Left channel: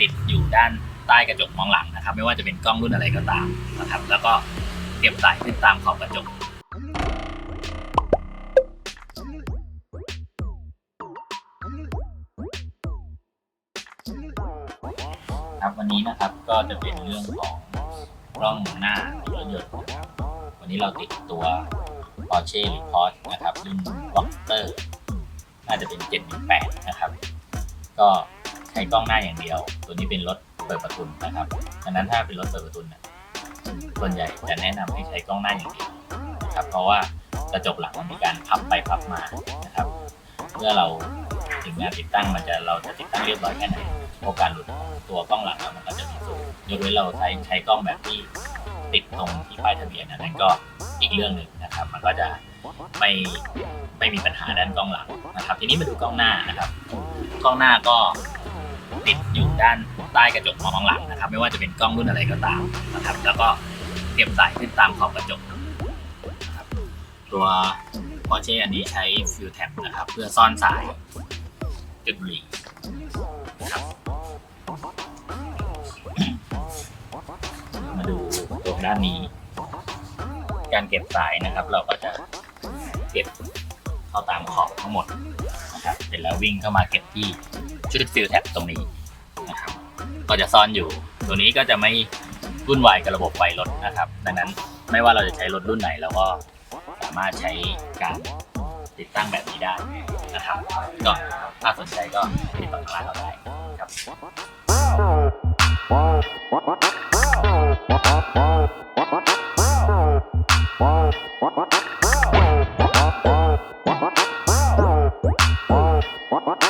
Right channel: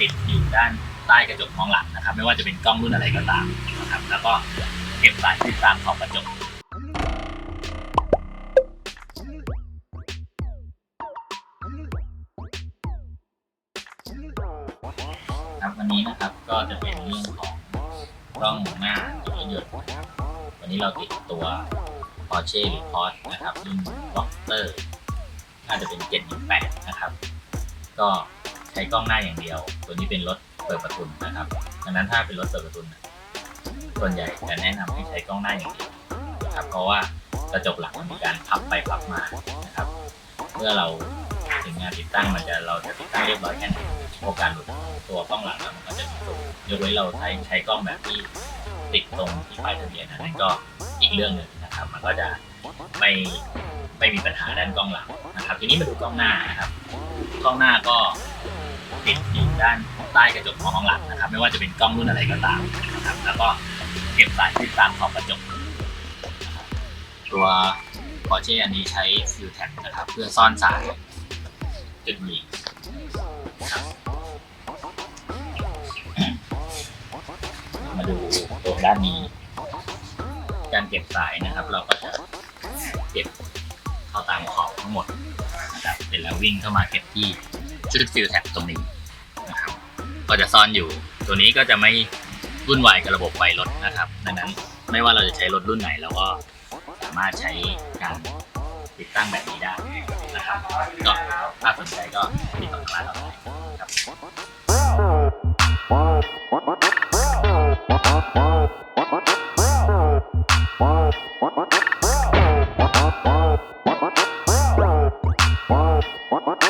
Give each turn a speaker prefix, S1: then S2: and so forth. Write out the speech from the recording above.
S1: ติดอยู่ด้านใต้กระจกมองหลังนะครับ ไม่ว่าจะเป็นกล้องรุ่นอะไรก็ตามนะครับแล้วก็เก็บสายติดตามขอบกระจกครับวันนี้นะครับก็จะเป็นเรื่องของกล้องหน้าตัวรถยนต์วันนี้เราติดตัว Porsche r e p o r t นะครับรุ่น Boxster น่าจะเป็น 718 นะครับ ก็ ช้กล้องหน้าอย่างเดียว ตัวนี้เป็นรถเปิดประทุนนะครับดังนั้นถ้าเป็นรถเปิดประทุนส่วนใหญ่จะแนะนำให้ใช้กล้องหน้าอย่างเดียวนะครับเพราะว่ากระจกหลังมีการพับไปพับมานะครับเมื่อเราถึงงานติดตั้งมันจะเราจะติดตั้งเรียบร้อยแค่ไหนโอกาสหลุดตัวกล้องหลังมันก็จะมีสูงยกเว้นเราใช้ใช้กล้องแบบที่ติดตรงที่ป้ายทะเบียนอันนั้นก็อีกเรื่องหนึ่งนะครับ มันก็จะไม่ไม่มีปัญหาด้านกล้องหลังนะครับ ทีนี้มาดูกล้องหน้านะครับ กล้องหน้าก็ ติดอยู่ด้านใต้กระจกมองหลังนะครับ ไม่ว่าจะเป็นกล้องรุ่นอะไรก็ตามนะครับ แล้วก็เก็บสายติดตามขอบกระจก ตัว Porsche อันนี้ใช้ฟิลแท็บนะครับ เพื่อซ่อนสายจุดบุหรี่ครับมาดูตัวด้านนี้ การเก็บสายนะครับ เราก็จะเก็บ เข้าตามขอบทั้งหมดนะครับเสร็จแล้ววิ่งเข้ามาเก็บที่ชุดฟิลแท็บตรงนี้นะครับก็จะซ่อนอยู่ ตัวนี้ก็จะไม่วุ่นวายกับระบบไฟรถนะครับ ดังนั้นไม่ว่าเราจะใช้รถรุ่นไหนเราก็สามารถใช้การติดตั้งแบบนี้ได้นะครับก็ถ้าสนใจก็ติดต่อทางร้านเราได้ครับ
S2: What?